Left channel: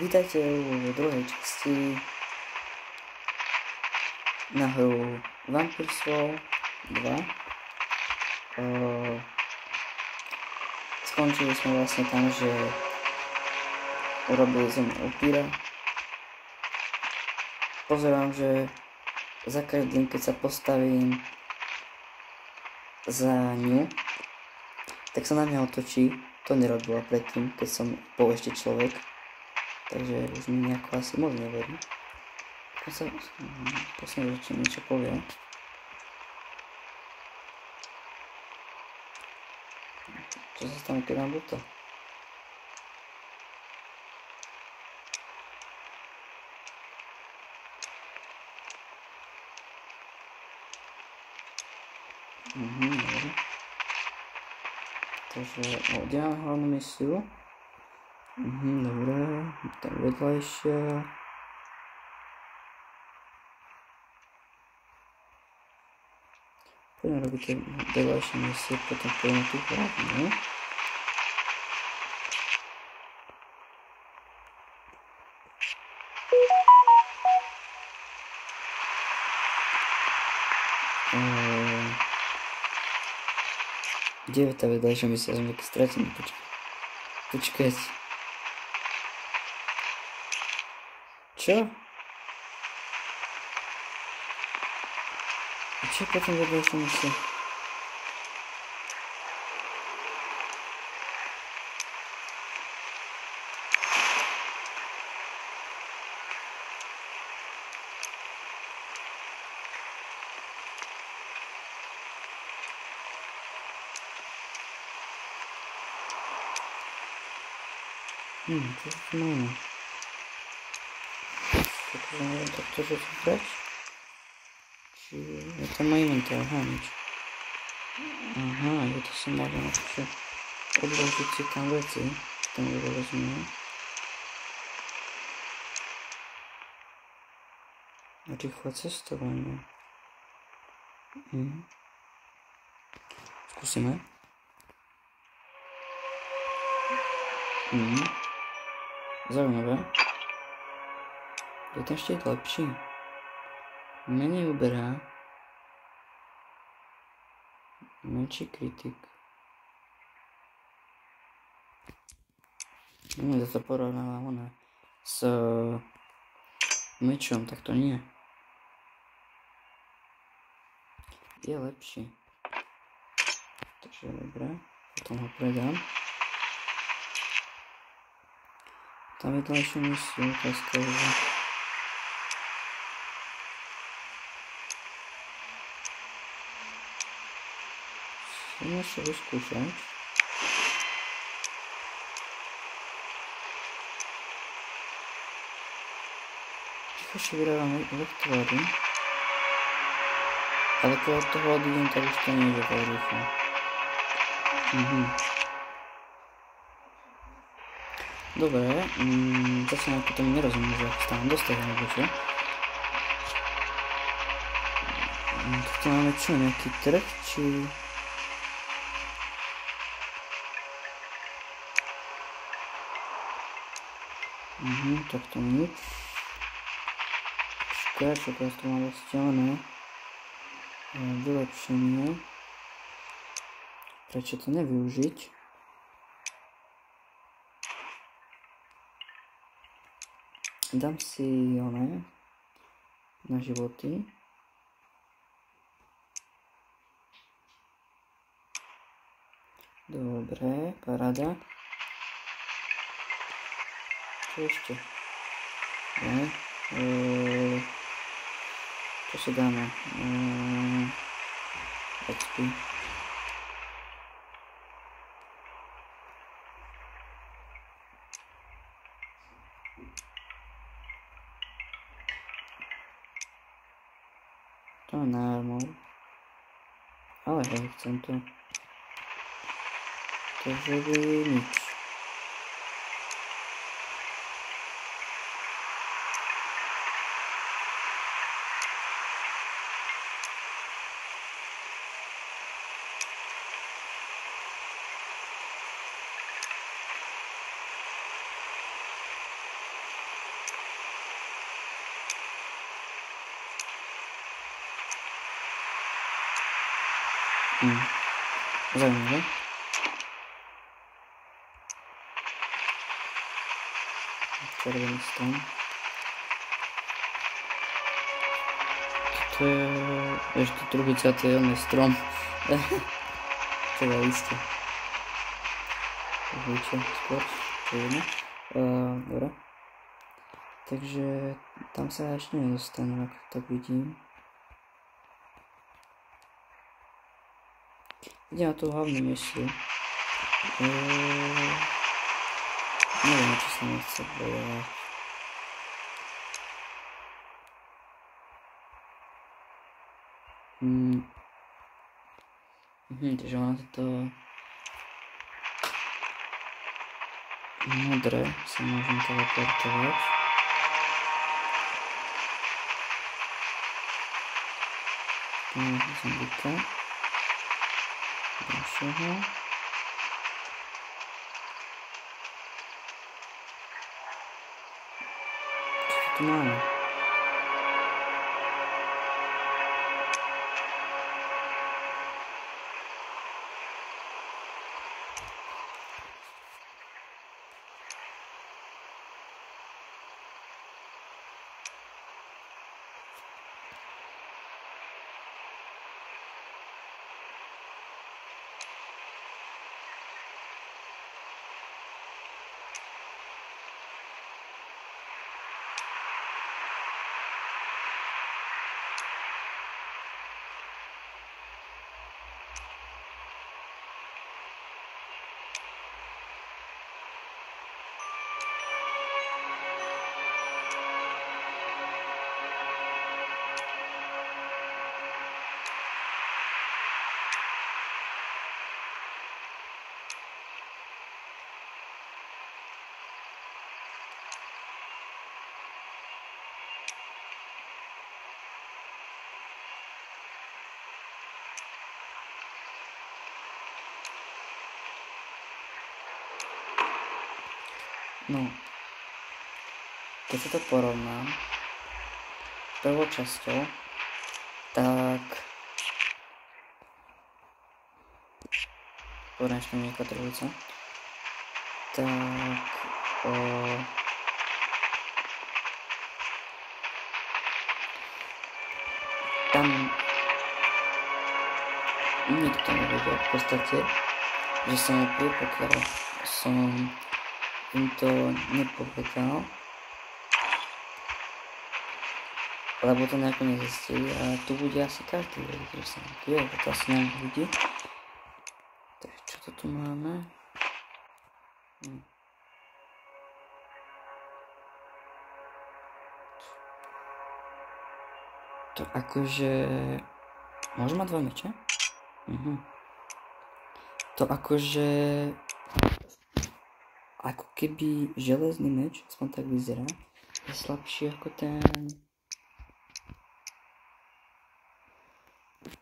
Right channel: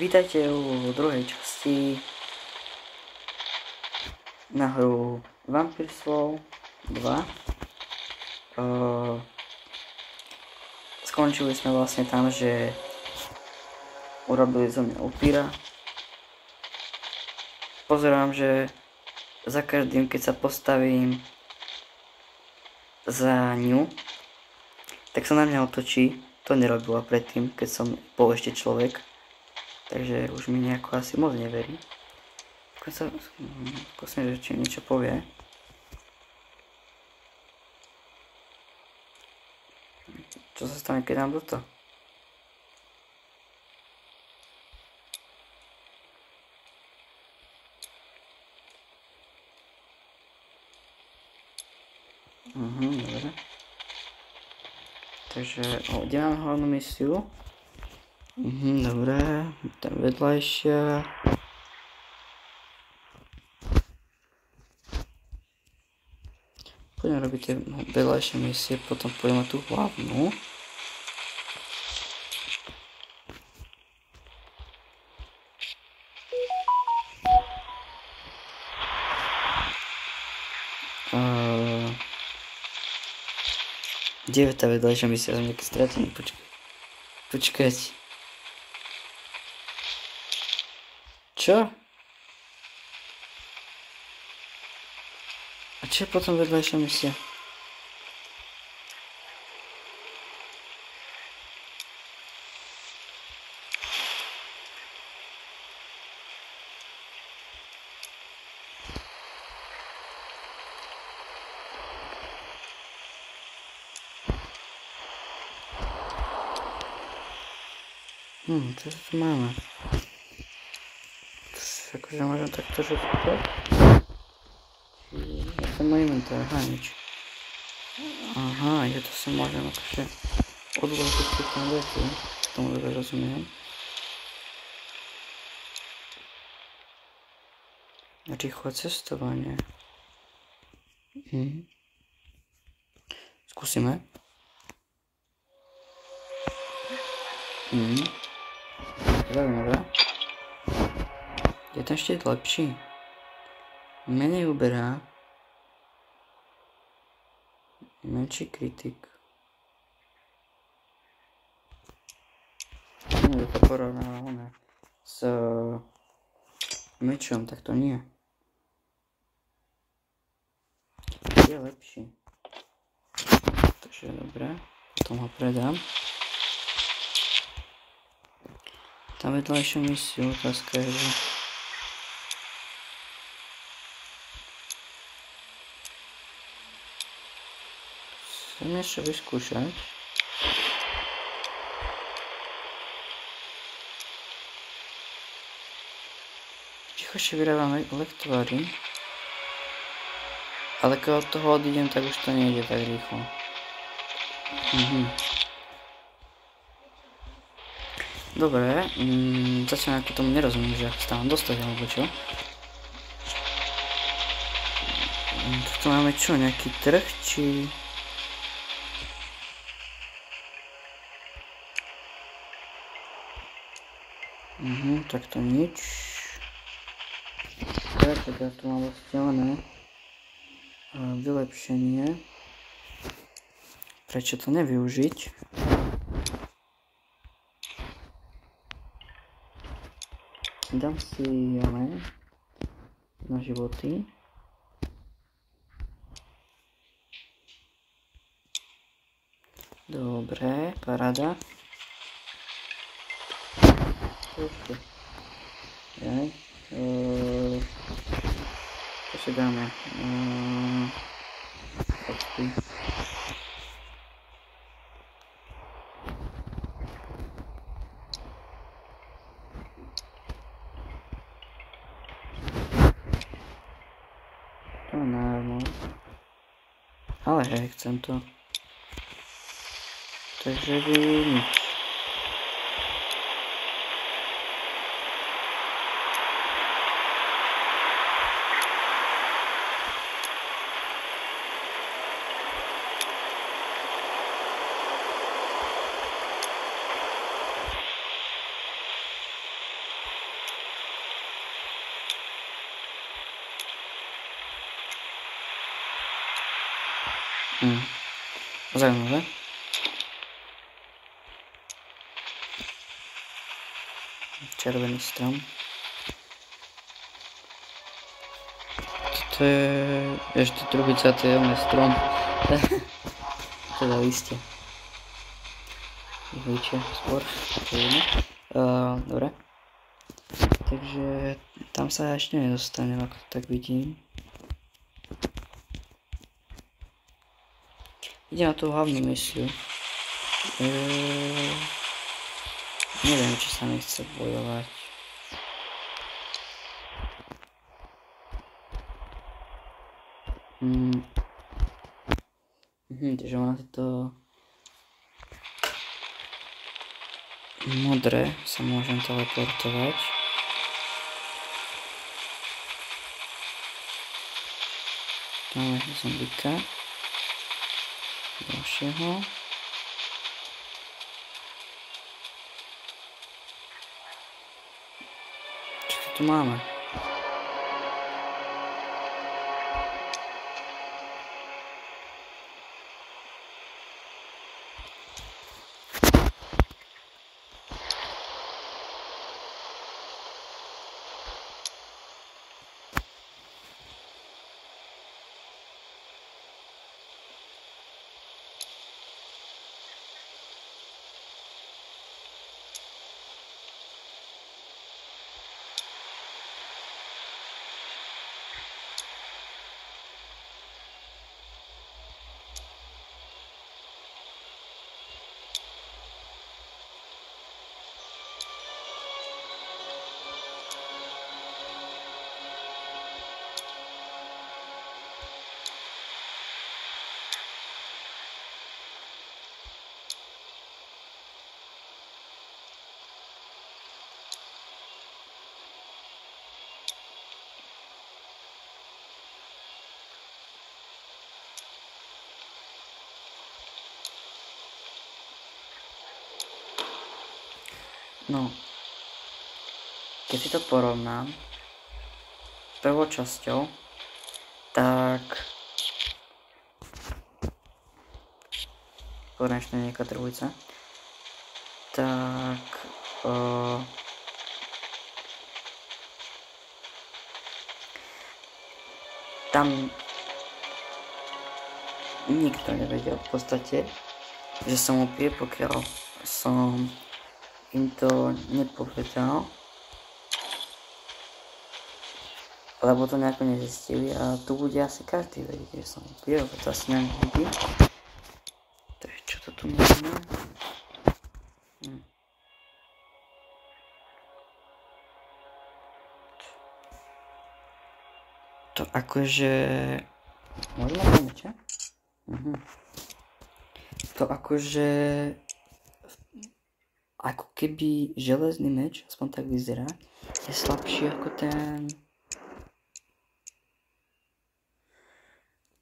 Vítajte u druhej časti na hru Vampire Sword 2. Skončili sme vlastne tam, že urobili zo mňa upíra. Pozerám, že za každým, keď sa postavím za ňu, tak sa na mňa otočí. To nerobila predtým, keď som bol ešte človek. Takže už mi nejako asi moc neverí. Posledne, že či niečo povie. Čo sa stane, keď dám toto? Dobre. Takže, kde mám hlavnú misiu? Dobre, tam vedľajšia. Poďme robiť tie vedľajšie misie, potom poďme na tú hlavnú. Kde je tá vedľajšia misia? Som nejaký stratený, počkať. Čo? A čo je potom vedľajšia misia? Čo tu máme? Takže môžem takto zaťukať. Čiže to má inventár, nič. Je to sa môžem akože odložiť si tam veci, tomu dobre rozumiem. Rýchle cestovanie. Skúsime. Zaujímavé. Je ten štít lepší. Menej uberá. Menší kritik. To sa porovnáva s mečom, tak to nie. Je lepší. Takže dobré. Potom ho predám. Tam vedľajšiu misiu, otázka je, že chcem ešte vyskúšať. Tichošie vyrábam lektvary. Ale keď od toho odídem, tak už to nejde tak rýchlo. Dobre, zatiaľ ako tomu nerozumiem, že ako stávam dostať alebo čo. Tu máme čo, nejaký trh, či... Tak to nič. Teraz tu mám vzdialené vylepšenie. Prečo to nevyužiť? Dám si na životy. Dobre, paráda. Čo ešte? Čo si dáme? XP. To je armor. Ale hej, chcem to. Takže by nič. Zaujímavé. Červený strom. Toto je ešte druhý catielný strom. Čo za liste. Víte, skôr. To je jedno. Dobre. Takže tam sa ešte nedostanem, ako to tak vidím. Idem na tú hlavnú misiu. Neviem, či sa mi chce bojovať. Takže ona toto modré sa môžem teleportovať. Zombika. Ďalšieho. Čo tu máme? No, keď si to porovnám s prvou časťou, tak konečne nejaká trojca, tak tam nikto nevedel v podstate, že som úplne, pokiaľ som im to nepovedal, lebo to nejako nezistili a tu bude asi každý vedieť, že som pil, to asi nevidí. Takže čo to tu máme? To akože... Možno poviem, čo? To akože... Ako keby železný meč, aspoň tak vyzerá, je slabší ako ten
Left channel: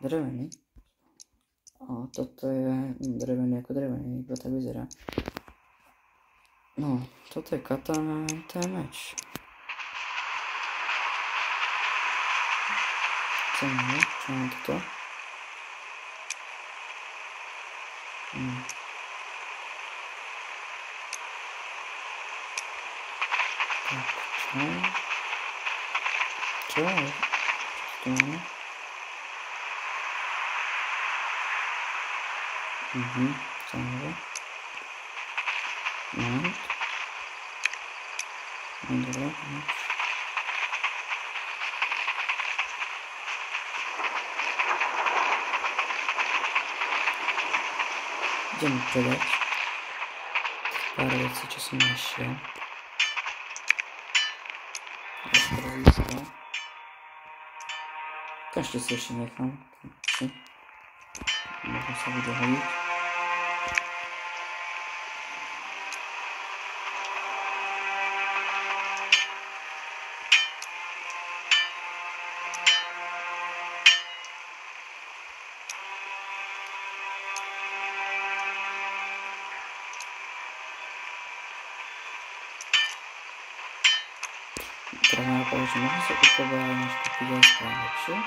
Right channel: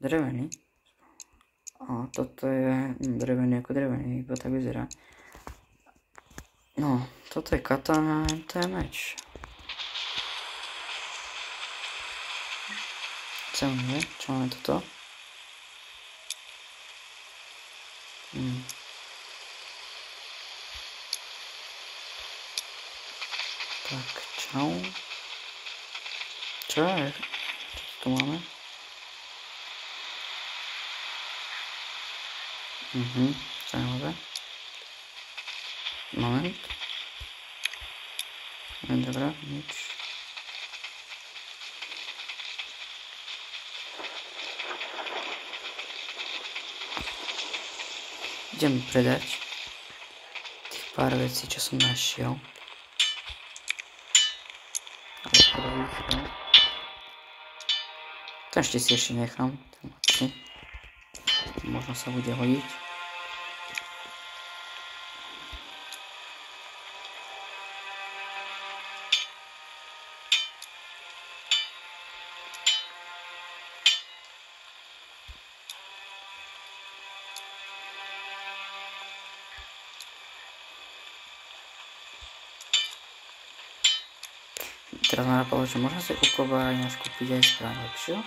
drevený. A toto je drevený ako drevený, iba tak vyzerá. No, toto je katana, to je meč. Čo máme toto? Tak, čau. Čo je? Čo tu máme? Zaujímavé. Moment. Dobre, nič. Idem predať tých pár vecí, čo som našiel. To ešte si nechám. Možno sa bude hodiť. Teraz mám povedať, že možno sa kupovať, než kúpiť aj správne lepšie.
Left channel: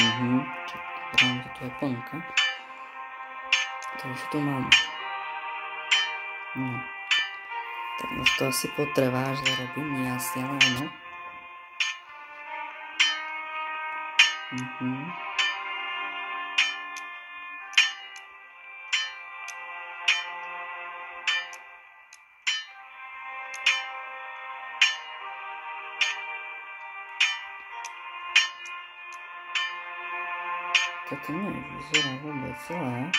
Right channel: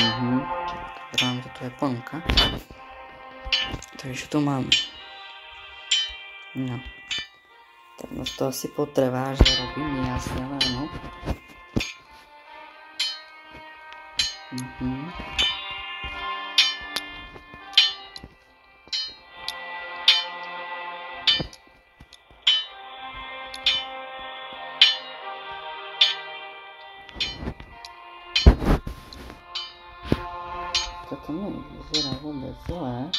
Pozerám, že tu je ponuka. Takže tu mám. No. Tak no to asi potrvá, že robím jasne, ale áno. Toto nevyzerá vôbec zle.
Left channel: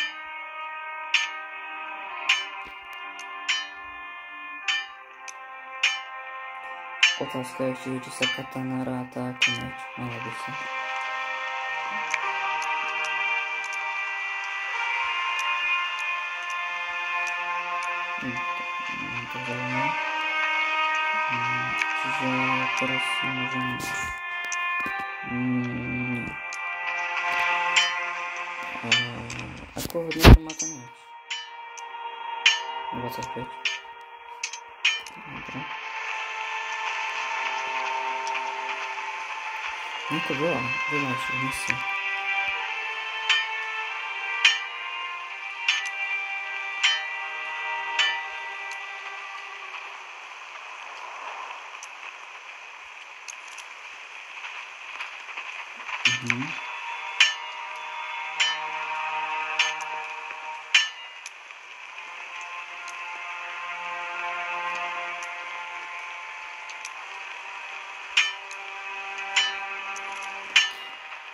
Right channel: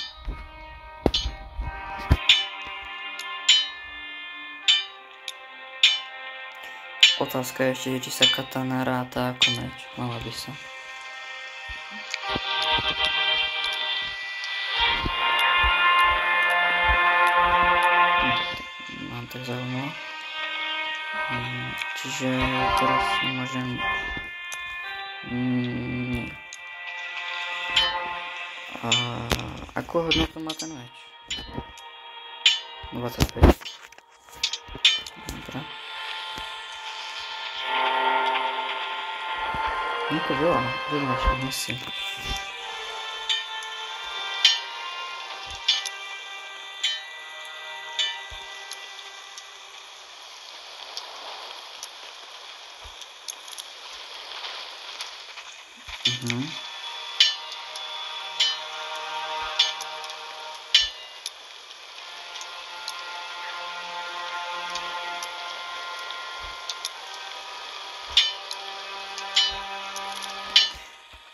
Otázka je ešte, či sa katana ráta ako meč. Mala by sa. Mám to zaujímavé. Čiže teraz môžem... Nie. Akú hodnotu má ten meč? 25. Dobre. Nie to veľa však misií.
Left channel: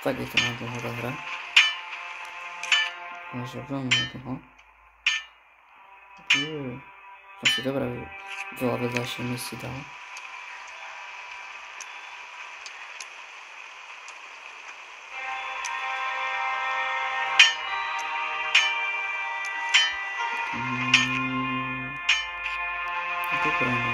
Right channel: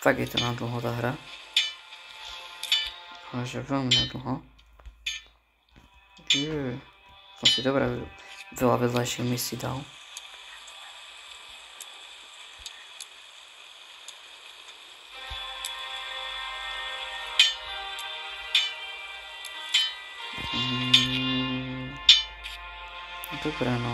Tak je to na dlho tá hra. Ale že veľmi na dlho. Som si dobré veľa vedľajších misií dal. Dobre, no.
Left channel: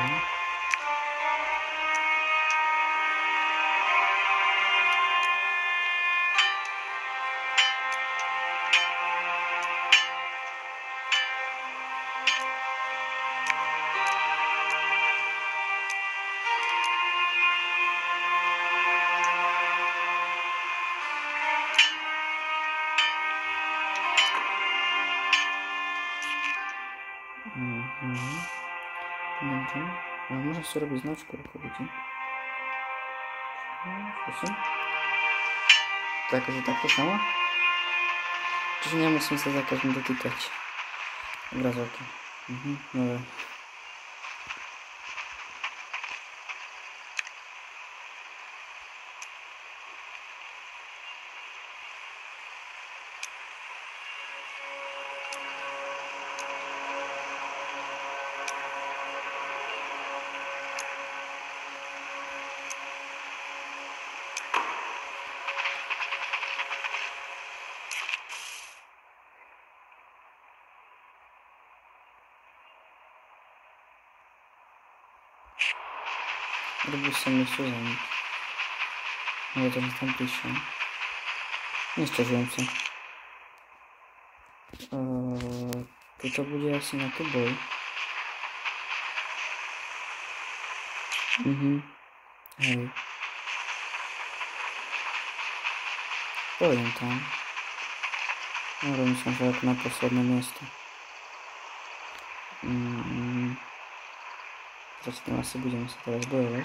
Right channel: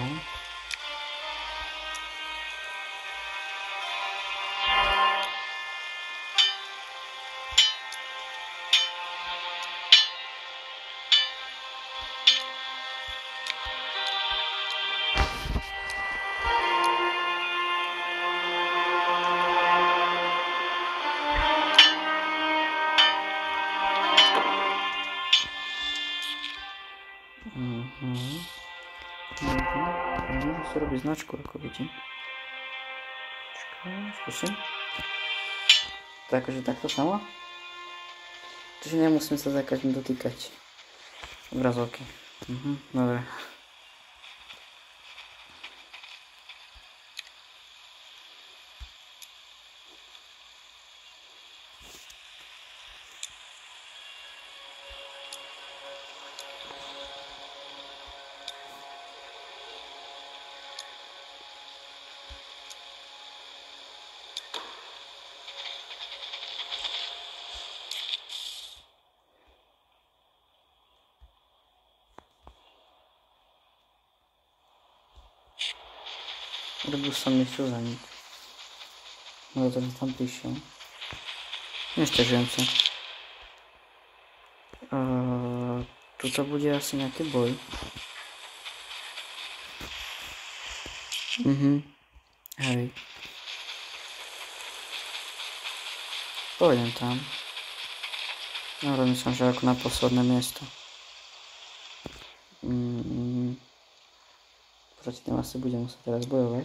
Môžem si robiť značku rukovidí. Skúsim. Takže takto samo. Čiže nemusím sa za každým dotýkať obrazovky. Dobre. Robil som niečo za nič. No to mi tam prišiel. Nestažujem sa. Tuto bude asi nejaký boj. Hej. Pôjdem tam. No rozmyslím, že ako na posledné miesto. Proti tým asi budeme sa teraz bojovať.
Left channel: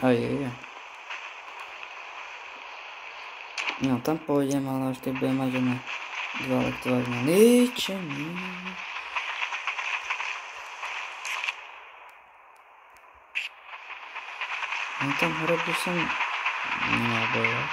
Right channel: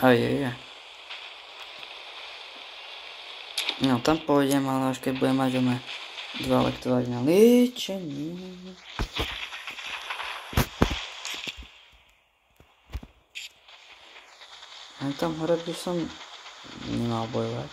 Ajajaj. No tam pôjdem, ale až keď budem mať oné 2 lektovať na liečenie. No tam hore by som nemal bojovať.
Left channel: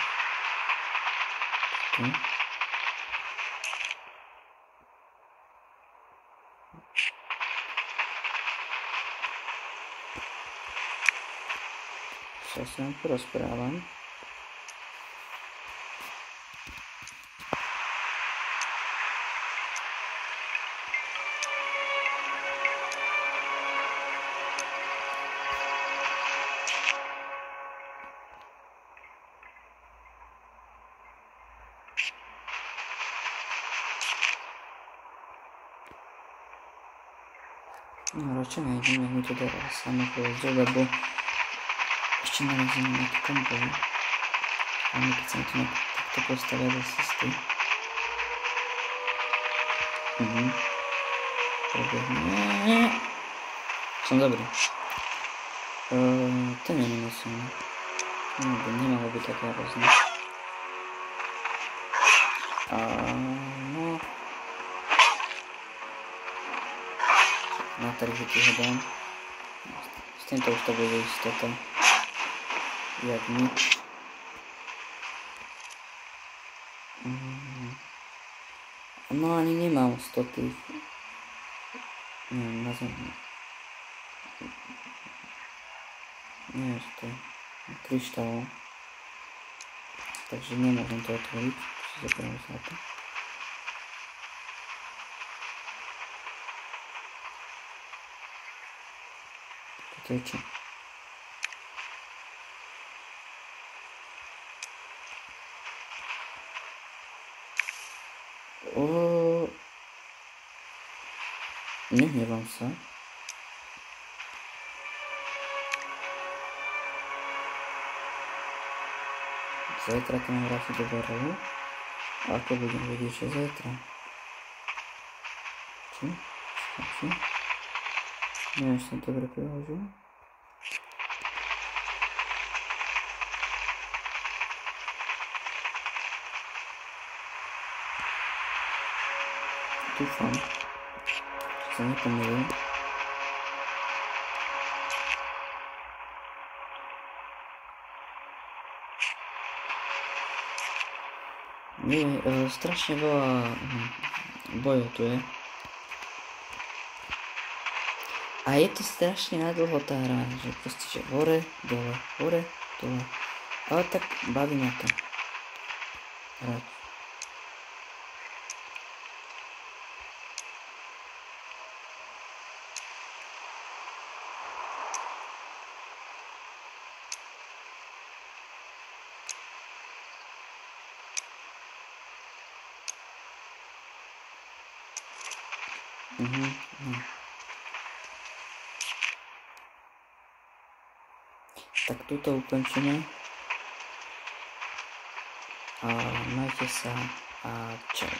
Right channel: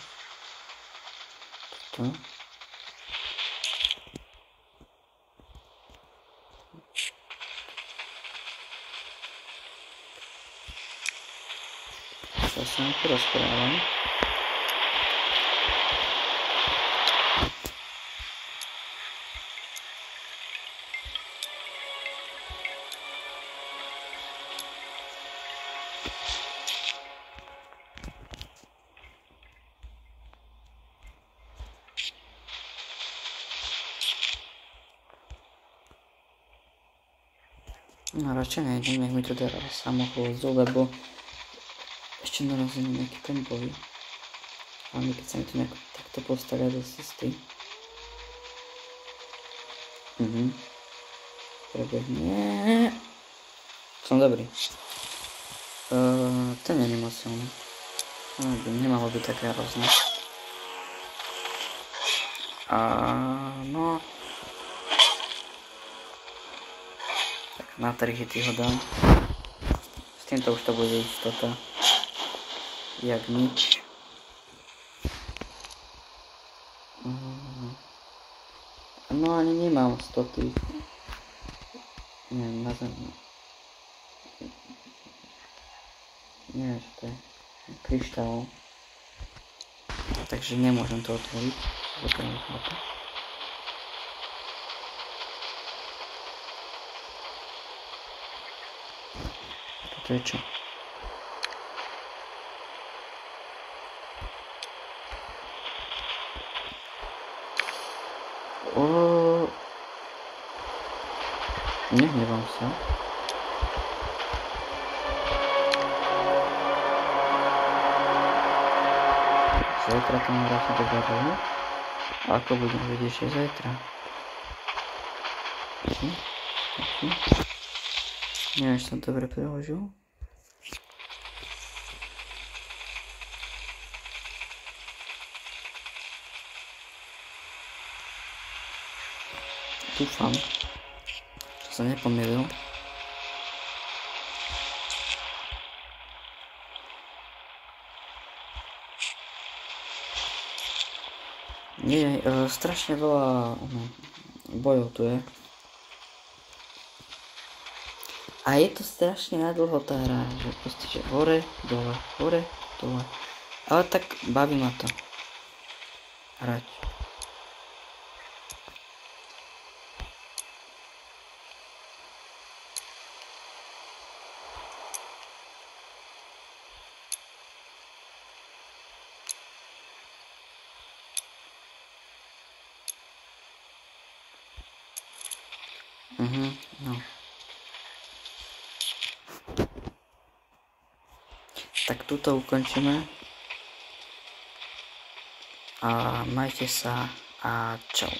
To sa vám porozprávam. No radšej nejdem, nech mi to dá samo chôzde, lebo ešte narazím nejaký ten boj. Hlavne keď sa mi to takto postavia do cesty. Prebehne. Som dobrý. To nie je moc silné. Nemalo byť také hrozné. No. Na 3 hity ho dám. S týmto už to bude istota. Jak nič. No ani nemám 100 tých. Neviem, na zemi. Neviem, čo to je. Kryštál. Takže nemôžem to otvoriť. Zoberiem chlapa. Toto je čo? Nehnevam sa. Zajtra to mám vrátiť do baru. A ako budem vedieť, že zajtra? Stačí? Neviem, že som dobre preložil. Dúfam, že sa nepomýlil. Nie, strašne veľa bojov tu je. A je to strašne nadlho tá hra, že proste, že hore, dole, hore, dole. Ale tak baví ma to hrať. No. Tak túto ukončíme. A majte sa a čau.